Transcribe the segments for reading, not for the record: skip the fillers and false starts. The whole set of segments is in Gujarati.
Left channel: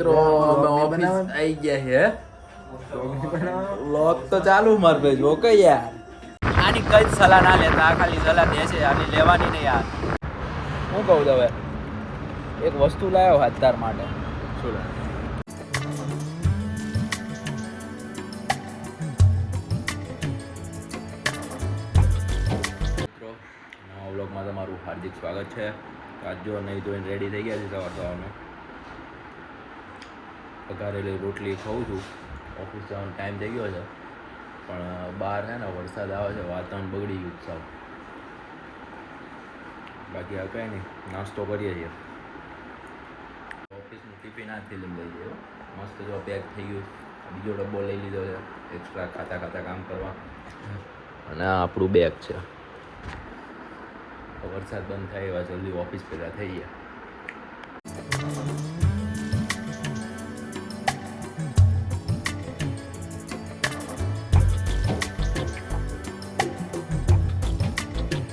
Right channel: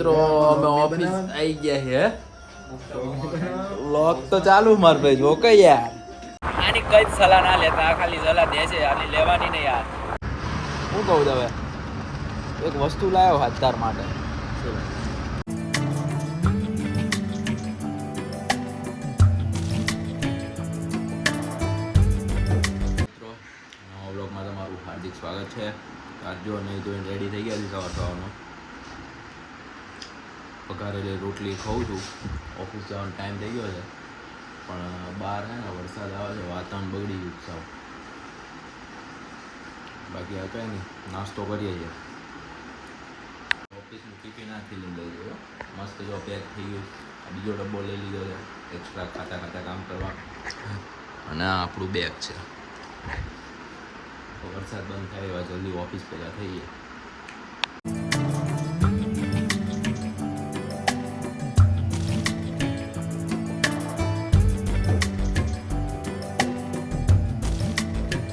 મિત્રો અમે ઓફિસ આવી ગયા છે. વ્લોગ તો ચાલુ માર ભાઈ જો કે યાર આની કઈ સલાહ ના લેતા, આ ખાલી સલાહ દે છે, આની લેવાની નહીં યાર. હું કહું હવે એક વસ્તુ લાવ્યો હાથતાર માટે. મિત્રો નવા વ્લોગમાં તમારું હાર્દિક સ્વાગત છે. આજ જો નહીં જોઈને રેડી થઈ ગયા છે સવાર સવારમાં. પકારેલી રોટલી ખાઉં છું. ઓફિસ જવાનો ટાઈમ થઈ ગયો છે પણ બહાર છે ને વરસાદ આવે છે, વાતાવરણ બગડી ગયું સાવ. બાકી આ કંઈ નહીં, નાસ્તો કરીએ છીએ. ઓફિસનું ટિફિન આજથી લઈ લીધું, મસ્ત જો પેક થઈ ગયું. બીજો ડબ્બો લઈ લીધો છે એક્સ્ટ્રા ખાતા કામ કરવા. અને આ આપણું બેગ છે. વરસાદ બંધ થાય એવા જલ્દી ઓફિસ ભેગા થઈ ગયા.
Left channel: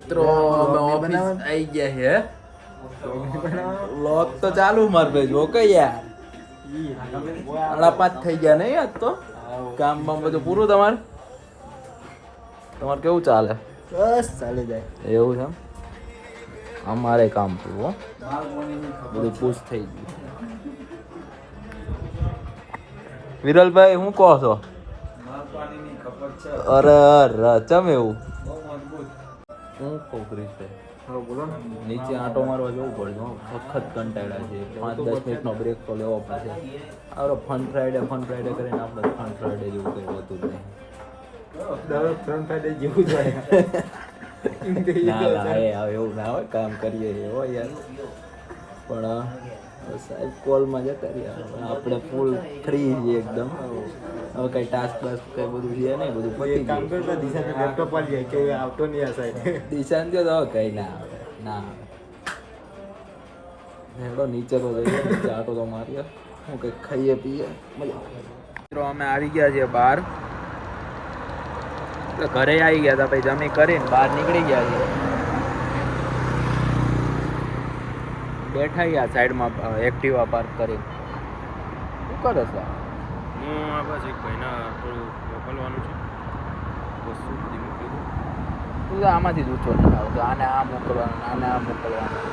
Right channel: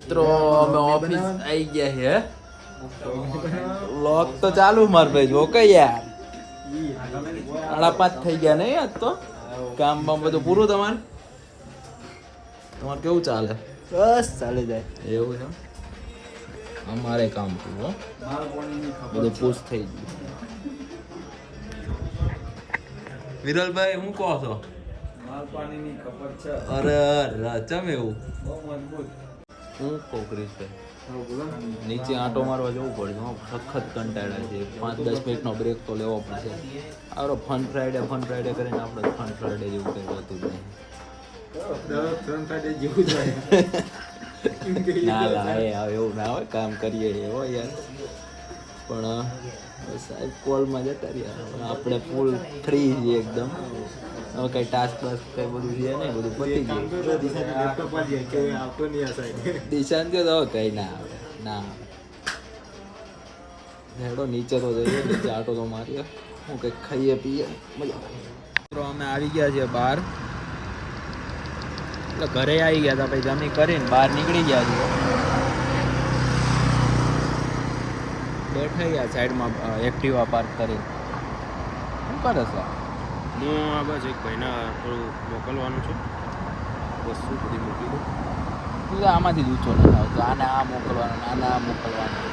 મિત્રો અમે ઓફિસ આવી ગયા છે. વ્લોગ તો ચાલુ માર ભાઈ જો કે યાર 5:30 થઈ ગયા નહીં આજ તો. કામ બામ બધું પૂરું? તમારે કેવું ચાલે? બસ ચાલે જાય એવું છે. અમારે કામ પૂરું, બધું પૂછ થઈ ગયું. વિરલભાઈ હું કહો છો? અરે ચમ એવું? હું કહું ક્રિશભાઈ, નીચે આંટો મારવા જવું પડશે. સખત કંટાળ્યા છે. 5-10 મિનિટનો બ્રેક તો લેવો પડશે. આવડો ફન ફ્રાઈડે કરીને આપણે ફન ફ્રાઈડે જેવું કંઈ હોતું જ નહીં. ના એવું ના હોય, કામ કરીએ એવો યાર. પણ સાહેબ કોલમાં જતા રહ્યા, આપણે ફૂલ ફ્રી છીએ એકદમ. હવે કઈ ટાસ્ક બાસ્ક કઈ બધું છે નહીં, બધું પતી ગયું. દિશાન તો હવે કઈ ના આવે. હેડો નીચે તો જઈએ, નીચે આટો તો મારીએ, હું કંઈક ખાઈએ પીએ, મજા આવે. મિત્રો અમે આવી ગયા છીએ બહાર, એટલે ઘરે આવી ગયા હતા. પછી જમી કરીને બહાર નીકળી ગયા છીએ. બેઠા ગયા સાઈડમાં એક્ટિવા પાર્ક કરીને. શું કરે છે? હું બસ એક ભાઈને થોડું મોકલવાનું છે, વસ્તુ બધી મૂકી દઉં. તું આમાંથી જ ઊંચો નહીં આવતો. આને આ મોકલવાનું.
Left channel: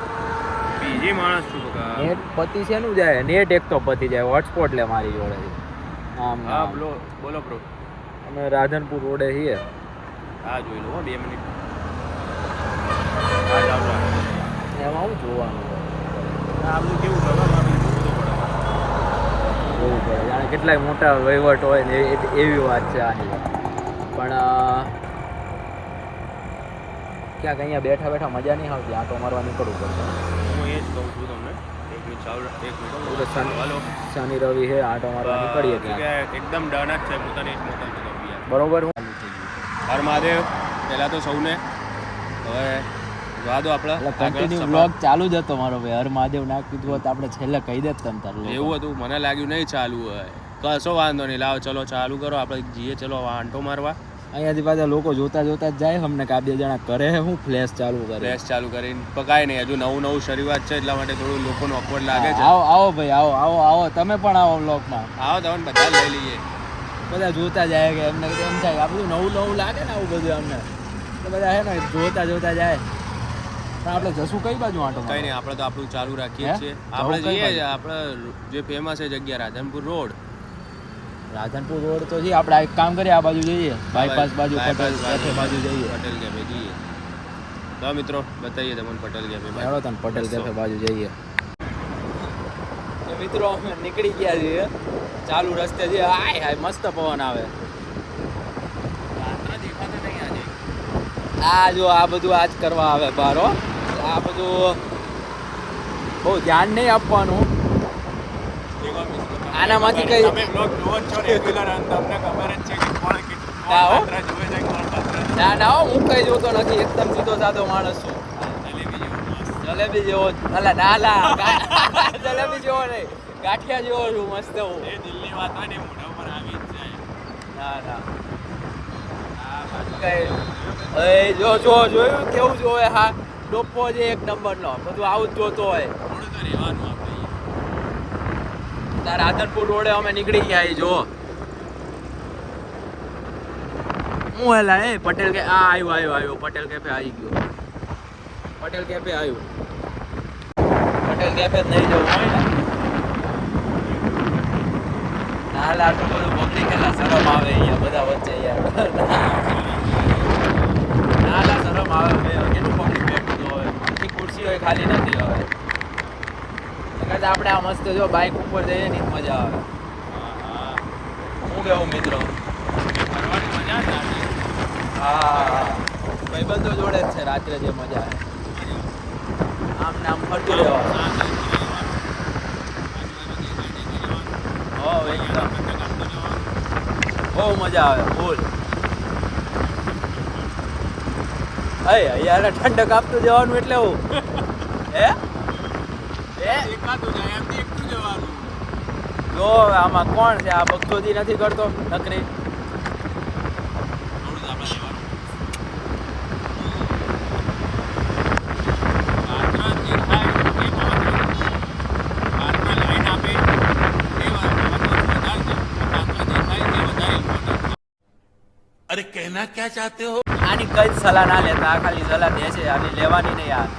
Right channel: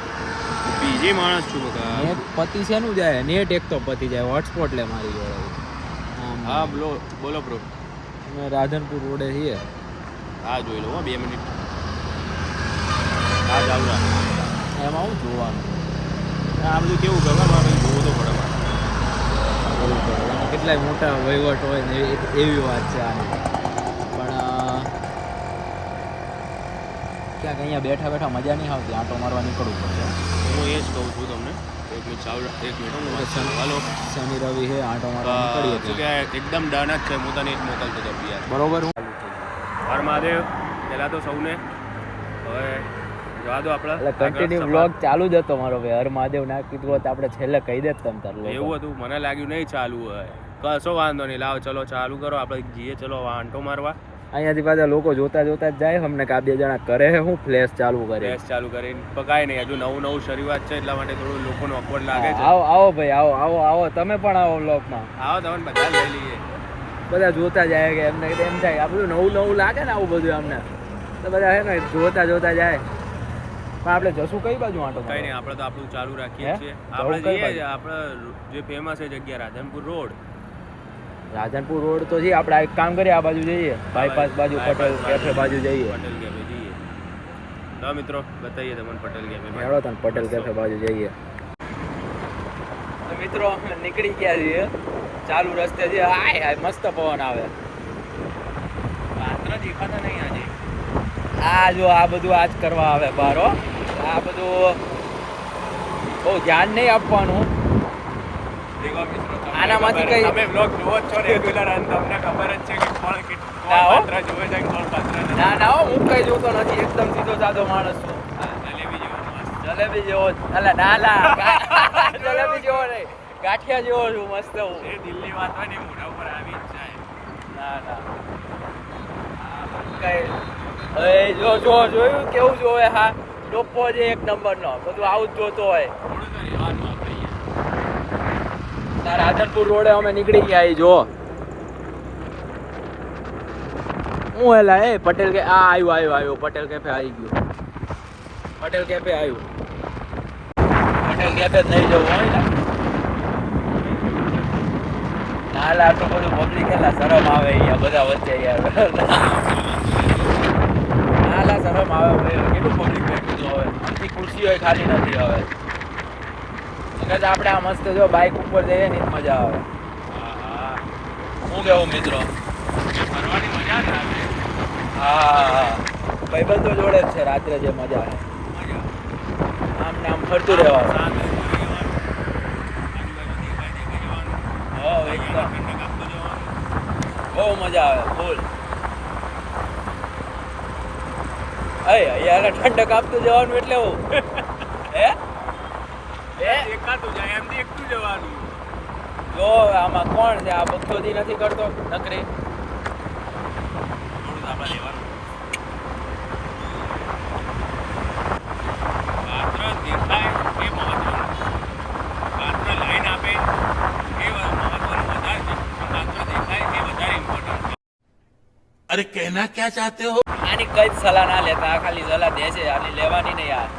બીજી માણસ છું બકા. નેટ પતિ છે નું જાય, નેટ એક તો પતી જાય. હોટસ્પોટ લે મારી જોડે. હા બોલો બ્રો. અમે રાધનપુર રોડે છીએ. હા જોઈ લો 2 મિનિટ. હા ચાલો. એમાં હું જોવાનું આમનું કેવું કરવા મારું જોવું તો પડે. જોવું પડે. જાણે કેટલાય મોટા વહીવટ હોય ને એવી વાત છે આની. પણ ક્યાંક અહીંયા બેઠા મજા નહીં આવતી. આંટો મારવા નીકળવું પડશે. હું એ જ કહું છું તમને. એક મિનિટ હાલો. શનિ રવિ છે, આંટો મારવા નીકળીએ ત્યાં. એકદમ ડન જ છે. પોતાને એક મોકલતો હતો બરોબર. ચાલુ થઈ ગયું. હર મહાદેવ. પહેલાં તો સૌને હવે જોવા દો આપણે કન્ટિન્યુ વ્લોગ ચાલુ જ હતો મારો ભાઈ. હર મહાદેવ ના કીધું હોત આપણે છેલ્લે કહી દેત તમ તાર. એવું હતું, મને લાગ્યું નહીં ચાલુ હોય. કશો વાંધો નહીં, લાવો ચલો ચાલુ કરો. આપણે જઈએ ચલો આંટો મારવા. અહીંયાથી પાછા લોકો જોતા જ જાય. અમને કે 2 જણા કરે હું ફ્લેશ ચાલુ કરીને પકાય નહીં. હજુ નવું શરૂઆત છે એટલા માટે થોડું લોકોને ઓકવર્ડ લાગે છે. આવો ભાઈ આવો. તમે પણ આવો વ્લોગમાં. આવો તમે બધા લઈ લઈએ. બધા જોતા જાય કે એમને એમ થાય આ બધું નવું લાગે ને આવું બધું અમને, તો બધા હે ને જોતા જાય. પણ આપણે જશું કઈ બાજુ આંટો? કઈ નહીં, આપણે તો આપણું ચાલુ રાખીએ છીએ. આપણે જે ફેમસ છે જગ્યા રાધનપુર રોડ તો છે. આપણે એક કામ કરીએ, આ બાજુ જઈએ, બાયપાસ બાજુ પટેલ કેફે બાજુ જઈએ. પટેલ કેફે જઈએ. તો મિત્રો બતાવીએ તમને પટેલ કેફે. હેડો તને પટેલ કેફે બાજુ જઈએ. તો મિત્રો અમે નીકળી ગયા છીએ. ચાલુ રસ્તે છે. હાય મસ્ત પવન આવે. પાત્ર દેખાતા નહીં આજે. આ જો આ બધું આજ કરવા આવે બારો. આ બધું બહુ ધ્યાન નહીં આપવાનું. આનામાંથી કઈ તમે બ્લોગ જોવો છો રેગ્યુલર અને તમને ખબર જ છે કે કોણ પાત્ર જોવે છે કોણ પાત્ર. ના હું કઈ જોતો નથી. એકદમ સીધો સાદો માણસ છું. જલેબી જેવો જલેબી જેવો નહીં, ગાંઠિયા જેવો છું. મસ્ત હું. એ દિલની વાત હોય ને મોઢા ઉપર આવી જાય. કઈ જોયું કેવું જોવે? હા ડોપો છે એક નંબરનો. બધું આવું જ જોતો હોય. થોડું તો રહેવાનું આપણે. રાધનપુર રોડે અમે નીકળી ગયા જો હું હેલા એ પટેલ કે આ આવ્યો પટેલ કેફે આવી ગયો પટેલ કેફે આવ્યું પટેલ કેફે નહીં જવું હાલ આટલું બધું પબ્લિક કેટલા શરમ આવે અહીંયા બધા વચ્ચે યાર હાલા શરમ આવે કેટલું પબ્લિક બેઠું હવે આખી ખુરશીઓ ખાલી નથી હવે એટલે આપણે આ મસ્ત જો બાઇક ઉપર જઈએ ને મજા આવે હું કેવું મિત્રો ફરવાની મજા જ આવે હા ભાઈબંધો જોડે જ છે રાત્રે જે મજા આમ નામ ફરતું રહેવાનું એકદમ બહુ મજા આવે ફૂલ અહીંયા ઠંડક આપતું જવાનું એટલે હું હે એકાતું જાય એમથી એકલું જવાનું લો આમાં કોણ છે આ ભક્તોથી નથી કરતો નકરી અરે કહેના ક્યાં ચાહતે હો આની કઈ જ સલાહ ના લેતા આ ખાલી સલાહ દે છે આની લેવાની નહીં યાર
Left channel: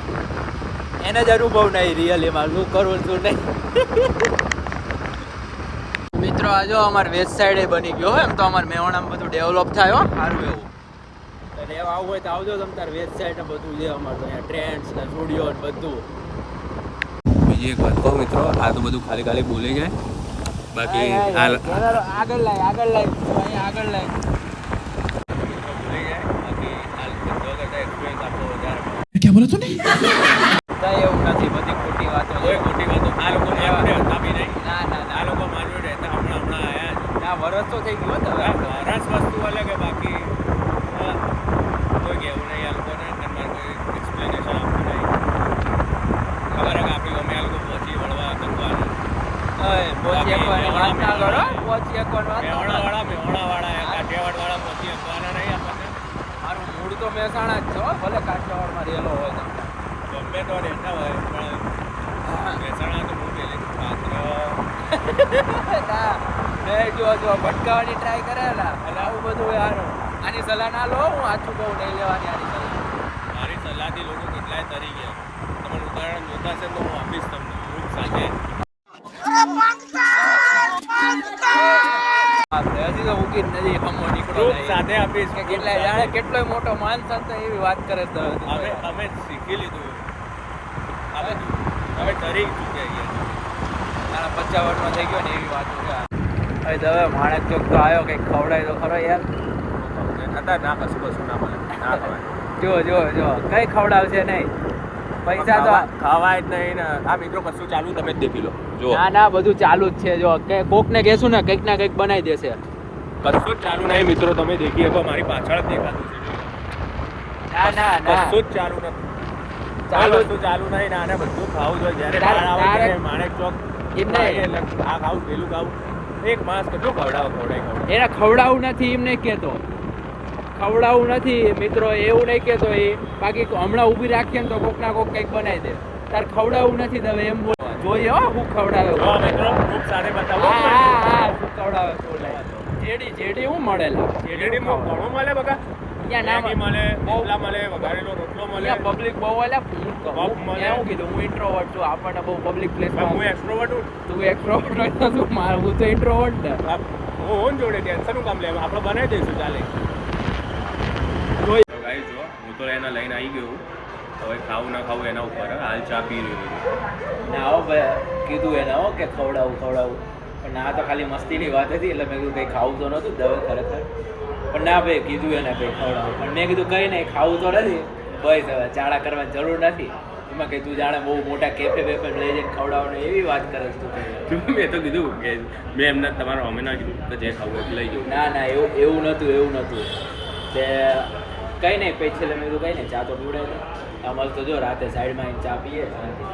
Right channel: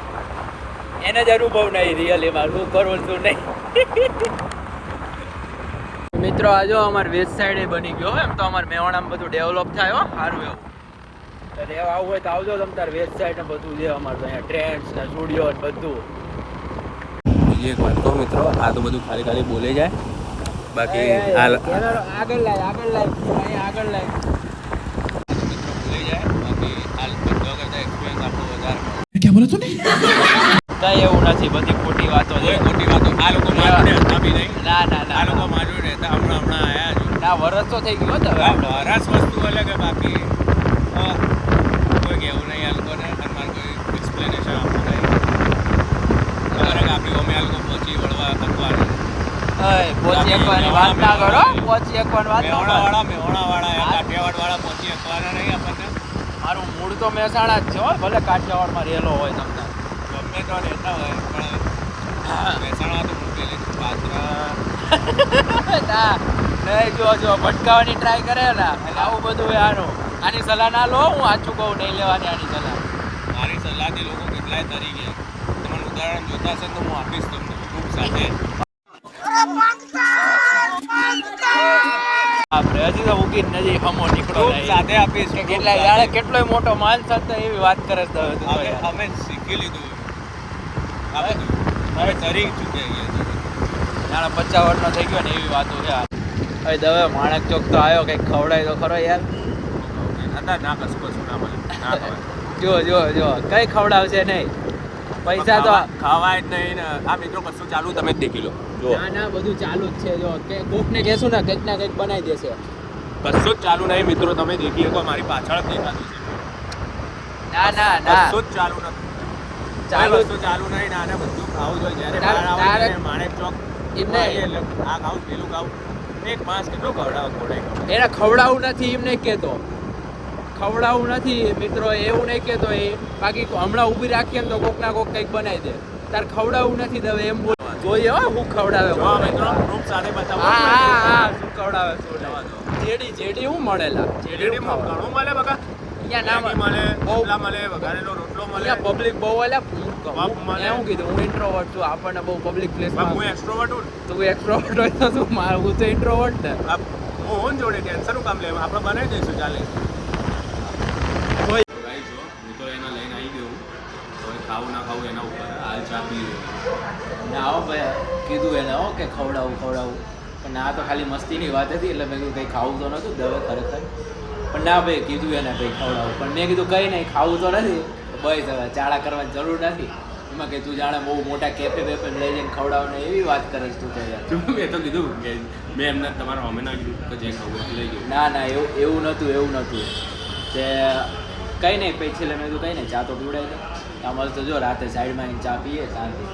એને જ અનુભવ નહીં રિયલીમાં શું કરવું શું નહીં મિત્રો જો અમારે વેસ્ટ સાઈડ બની ગયો એમ તો અમારે મેવાણામાં બધું ડેવલપ થાય હો સારું એવું તો રહેવા આવવું હોય તો આવજો તમે તાર વેસ્ટ સાઈડ ને બધું છે અમારે તો અહીંયા ટ્રેન્ડ્સ ને સ્ટુડિયો ને બધું બીજી એક વાત કહું મિત્રો આ તો બધું ખાલી ખાલી બોલે જાય બાકી આગળ લાય અહીંયા આગળ લાય क्या बोला तूने કઈ એવું નથી બધી ખોટી વાતો છે ખોટી વાતો આ લોકો માર્યું રે આપી નહીં ના આ લોકો માર્યું રે તો હમણાં આયા છે ના વરસ તો થઈ ગયો તો વરસ વસ્તુ અલગ કે બાકી કોઈ કેવું નહીં આ લોકોને અમારે કોઈ એક્સપ્લેનેશન આપવું નહીં ખબર આપી અમે આ લોકો પહોંચી વળવા કરવાની પહોંચી એકવાની વાત ના કરો પહોંચી એકવાની વાત મેહોણાવાળા કાઠિયાવાડવાળા પહોંચી શકવાના નહીં આપણને મારું મૂળ તો મહેસાણા જ છે હો ભલે કાઠિયાવાડમાં રહેલો હોય તમને ગમે તો રહેતા હોય પણ મહેસાણા તો બહુ પહેલેથી પાત્ર ના નહીં જો ભટકાવાની ટ્રાય કરે ને એટલે આવું બધું યારું આની સલાહ ના લો હું સાચું કહું નહીં લેવાની આની સલાહ મારી સલાહથી લોકો કેટલાય તરી ગયા તમારું ઉદાહરણ જોતા હશે તો હું આપીશ તમને ગ્રુપ સાથે હજી તો ઉગી જ નથી હમો નીકળો સાથે આપીશ કે કેટલાય કેટલોય મોટો માન સંત એવી વાત કરે છે હવે અમે શીખી લીધું આ બધું હવે તરી ચૂક્યા ગયા નાના 50 વર્ષનો થઈ ગયો ને એવી વાતો છે હવે દવે માણક ચોક તો આવ્યો કંઈક ખવડાય તો ખરો યાર હતા ના કશું ના મળે જો કઈ ખવડાવશે નહીં પૈસા તો ખાવાય જ નહીં ને આ મિત્રો કશું ચાલુ તમે જ દેખી લો ના બધું ચાલુ જ છે જો કોક ને કહેશું ને કંઈક ના કંઈક બનાવી દેશે કશું જ ચાલુ નહીં મિત્રો તમે દેખી શકો મારી પાછળ જ દેખાતું છે ના કશું જ ચાલુ નથી ચાલુ નહીં ના ને બધું ખાવું જોઈએ જ્યારે માણેક ચોક એમને આ ખાવું પેલું ખાવું એક માસ કેટલું ખવડાવું એને ખવડાવું નથી એમને કહેતો ખવડાવું નથી મિત્રો એવું નહીં કહેતો એ બાકી હમણાં ઊભી રાખીએ ને તો કોક ના કોક કંઈક બનાવી દે તાર ખવડાવું નથી દવે એમ જોઈએ હો હું ખવડાવે મિત્રો ખૂબ સારી બતાવો હા શું ખવડાવે જેડી હું મળેલા જેડીમાં ઘણું મળે બકા અહીંયા ના મળે બોલા મળે વઘારેલો રોટલો મળે પબ્લિક બહુ એટલે હું કીધું હું ઇન્ટ્રોવર્ટ છું આપણને બહુ પબ્લિક પ્લેસમાં હું એક્સ્ટ્રોવર્ટ હું તું એક્સ્ટ્રોવર્ટ હોય તો તું હું તો ઇન્ટ્રોવર્ટ ને હું જોડે ટેન્શનનું કામ લેવા આપણે બનાવી દઈશું ચાલે ગાઈસ જો હું તો એના લઈને આવી ગયો હવે ખાવું ના ખાવું એના ઉપર હાલ ચા પી રહ્યો ના હો ભાઈ કીધું એને હો કે ખવડાવું પણ ના તો ખાલી મસ્તીની વાત હતી એટલે મેં કીધું કંઈ ખાવું તો નહોતું દવે ખરેખર પણ ના ભાઈ કીધું એને ભાઈ ખવડાવું પણ મેં કીધું કંઈ નહીં ખાવું તો નથી બસ હવે ચાળા કરવાની જરૂર નથી એમાં કંઈ તું જાણે બહુ મોટા કેફે બેફે લઈ જઈને ખવડાવને એવી વાત કરે છે તું કહી મેં તો કીધું કે મેં એમને તમારા અમે ના કીધું કે જે ખાવું એ લઈ જવું ના એવું નહોતું તે કંઈ નહીં પછી છેલ્લે મેં કીધું કંઈ નહીં ચા તો પીવડાવી દે આ મસ્ત જો રાતે સાઈડમાં આવીને ચા પીએ શાંતિ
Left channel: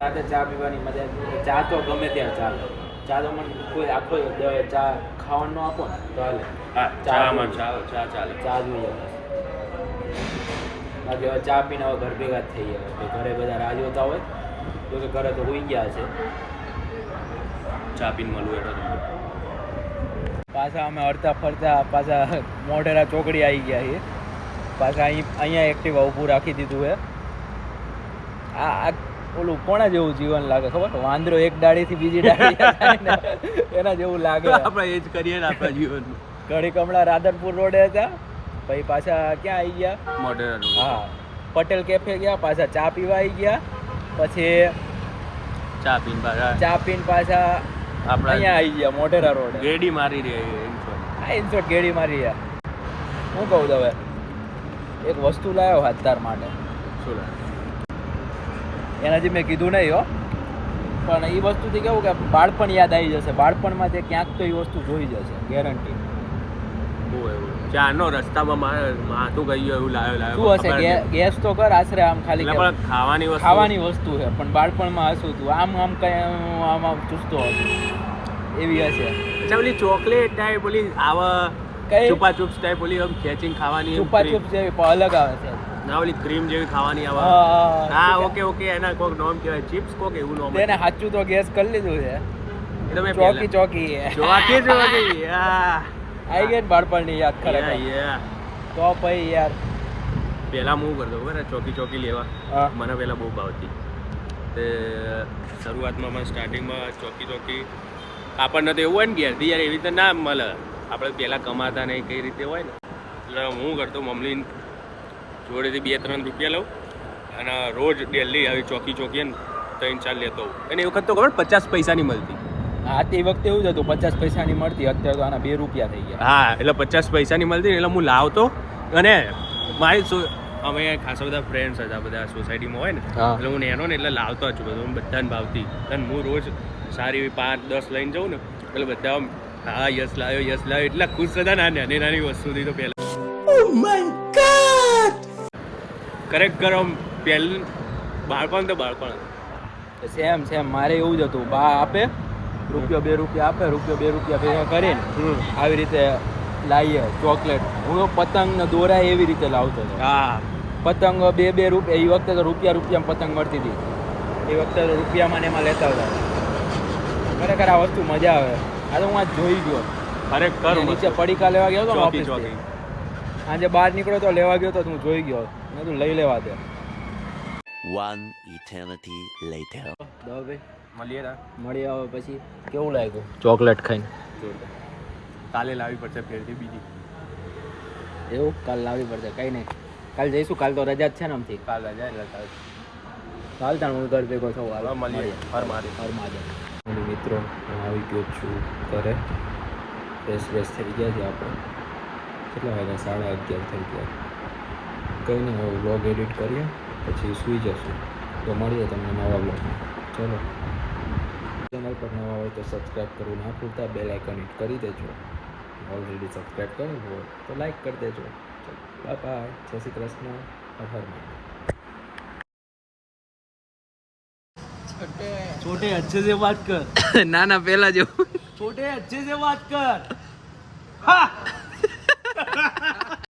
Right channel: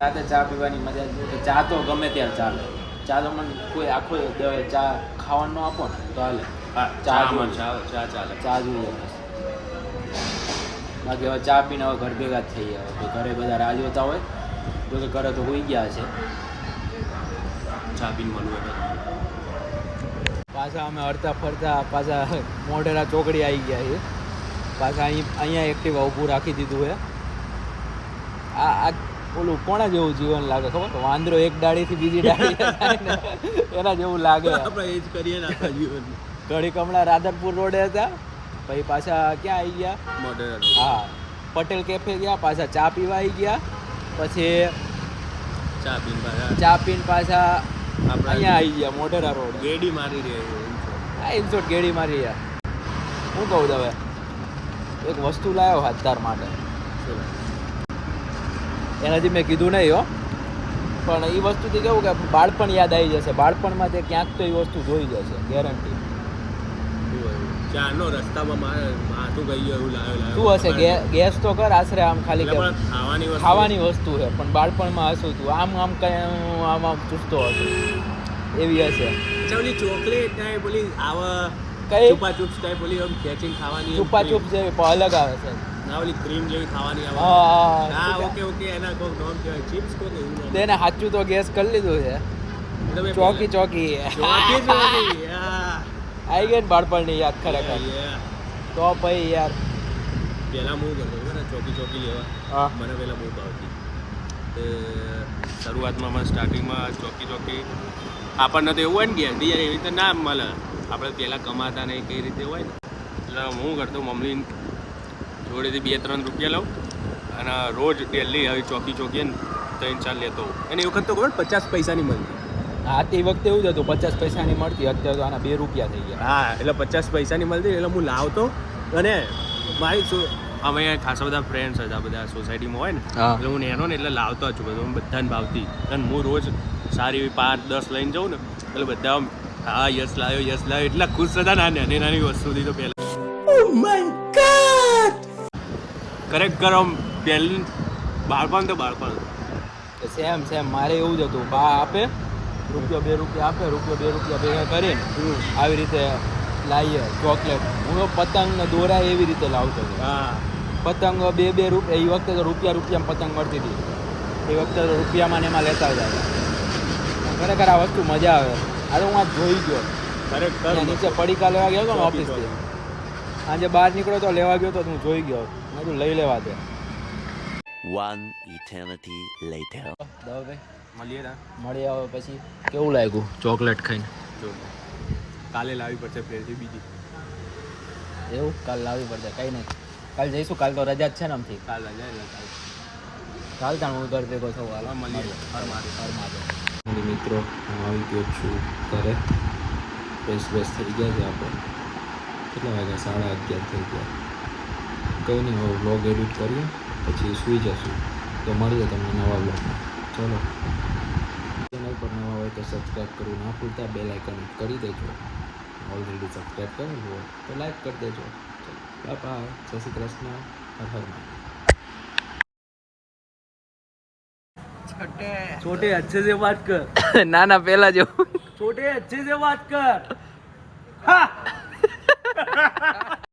રાતે ચા પીવાની મજા ચા તો ગમે ત્યારે ચાલે ચા તો મને કોઈ આખો ચા ખાવાનું આપો ને તો હાલે ચા જોઈએ બાકી હવે ચા પીને હવે ઘર ભેગા જ થઈ ગયા ઘરે બધા રાહ જોતા હોય તો ઘરે તો હોઈ ગયા છે ચા પીને મળવું એટલે પાછા અમે હરતા ફરતા પાછા મોઢેરા ચોકડી આવી ગયા છીએ. પાછા અહીંયા એક્ટિવા ઊભું રાખી દીધું છે. આ ઓલું કોના જેવું જીવન લાગે ખબર? વાંદરો એક ડાળીથી બીજી ડાળી જાય ને એના જેવું લાગે. આપણે એ જ કરીએ ને આપણા જીવન. ઘડીક હમણાં રાધનપુર રોડે હતા, પછી પાછા ક્યાં આવી ગયા? હા, પટેલ કેફે ગયા, પાછા ચા પીવા આવી ગયા, પછી ચા પીને પાછા અહીંયા આવી ગયા મોઢેરા રોડે. ગેડી મારી રહી. હા, ઇનશોર્ટ ગેડી મારી ગયા. હું કહું હવે એક વસ્તુ લાવ્યો હાથ તાર માટે. એનાથી મેં કીધું નહીં હો, પણ એ વસ્તુથી કેવું કે બાળપણ યાદ આવી જશે. બાળપણમાં તે ક્યાંક તો એ વસ્તુ જોઈ જશે, ગેરંટી. ચારનો રસ્તામાં માથું ગઈ ગયું એવું લાવ્યો. શું હશે? ગેસ તો કર આશરે આમ ખાલી કે ખાવાની વસ્તુ છે, પણ બાળપણમાં હશું તું આમ કઈ આમ ચૂસતો હતું એવી હશે. ઓલી ચોકલેટ ટાઈપ ઓલી આવા કઈ છુપા ચૂપ્સ ટાઈપ ઓલી આમ ખેંચીને ખાવાની. છુપા ચૂપ જેવી પણ અલગ આવે છે. ના ઓલી ક્રીમ જેવી ખાવાની આવે. હા ઓકે એના કોક નામ કહેવાય, ચિપ્સ કોક એવું નામ. તેને સાચું તો ગેસ કરી લીધું છે. ચોકી ચોકી આવી ગઈ ને બાળપણની યાદ ખરેખર. તો ભાઈ યાર પહેલાં હું કરતો ખબર ચોકી લેવા મને પહેલાં બહુ ભાવતી. તે શરૂઆતમાં મને સ્ટાર્ટિંગમાં ચોકી આપણને તો એવું હોય ને ઘેરથી યાર એવી રીતે ના મળે. આપણે પહેલાં કમાતા ને કઈ રીતે હોય ને, એટલે હું કરતો મમ્મી જોડેથી 2-3 રૂપિયા લઉં અને રોજ ડેલી આવી ચોકી ને 3-4 લેતો હોઉં. અને એ વખત તો ખબર 50 પૈસાની મળતી. હા, તે વખતે એવું જ હતું, 50 પૈસાની મળતી. અત્યારે તો આના 2 રૂપિયા થઈ ગયા. હા, એટલે 50 પૈસાની મળતી એટલે હું લાવતો. અને મારી હવે ખાસા બધા ફ્રેન્ડ્સ હતા, બધા સોસાયટીમાં હોય ને, એટલે હું નેનો ને એટલે લાવતો જ છું બધું. બધાને ભાવતી. અને હું રોજ સારી એવી 5-10 લઈને જાઉં ને એટલે બધા હા યસ લાવ્યો એટલા ખુશ હતા ને નાની વસ્તુથી. તો પહેલાં ખરેખર આમ પહેલું બાળપણ તો બાળપણ. સેમ મારે એવું જ હતું. બા આપે ₹1 2 રૂપિયા આપે, ₹1 2 રૂપિયા ભેગા કરીને આવી રીતે લાવીએ ચોકલેટ. હું પતંગ ને દોરા એવી રીતે લાવતો હતો. પતંગ 2 રૂપિયા. એ વખતે તો રૂપિયામાં પતંગ મળતી હતી. એ વખતે તો રૂપિયામાં ને એમાં લેતા હતા. ખરેખર આ વસ્તુ મજા આવે. આ તો હું આ જોઈ ગયો. નીચે પડીકા લેવા ગયો હતો ને ઓફિસથી. આજે બહાર નીકળ્યો તો લેવા ગયો તો હું જોઈ ગયો. મેં કીધું લઈ લેવા દે. One eternity later. મળીએ આવે પછી કેવું લાગ્યું ચોકલેટ ખાઈને? જોરદાર. કાલે લાવવી પડશે ફેરથી બીજી. એવું? કાલ લાવવી પડશે. કંઈ નહીં, કાલ જઈશું. કાલ તો રજા જ છે ને આમથી. કાલ રજા એટલે કાલ તાણ હું ઘર ભેગો થવું. હાલો મળીએ. હર મહાદેવ. મિત્રો, હું આવી ગયો છું ઘરે. ફ્રેશ થઈ ગયા છે આપણે. કેટલા વાગ્યા? 11:30 થઈ ગયા. કંઈ નહીં, હવે વ્લોગ એડિટ કરીએ પછી સૂઈ જશું. તો મળીએ તમને નવા વ્લોગમાં. ચલો, ચેનલ પર નવા હોય તો સબસ્ક્રાઈબ કરવું ના ભૂલતા. બેલ આઇકન કરી દેજો. ઓલરેડી સબસ્ક્રાઈબ કરી હોય તો લાઈક કરી દેજો. બાય. જય શ્રી કૃષ્ણ. હર હર મહાદેવ. छोटे अच्छे से बात कर. ના પેલા જેવું. छोटे अच्छे से बात कर. हाँ.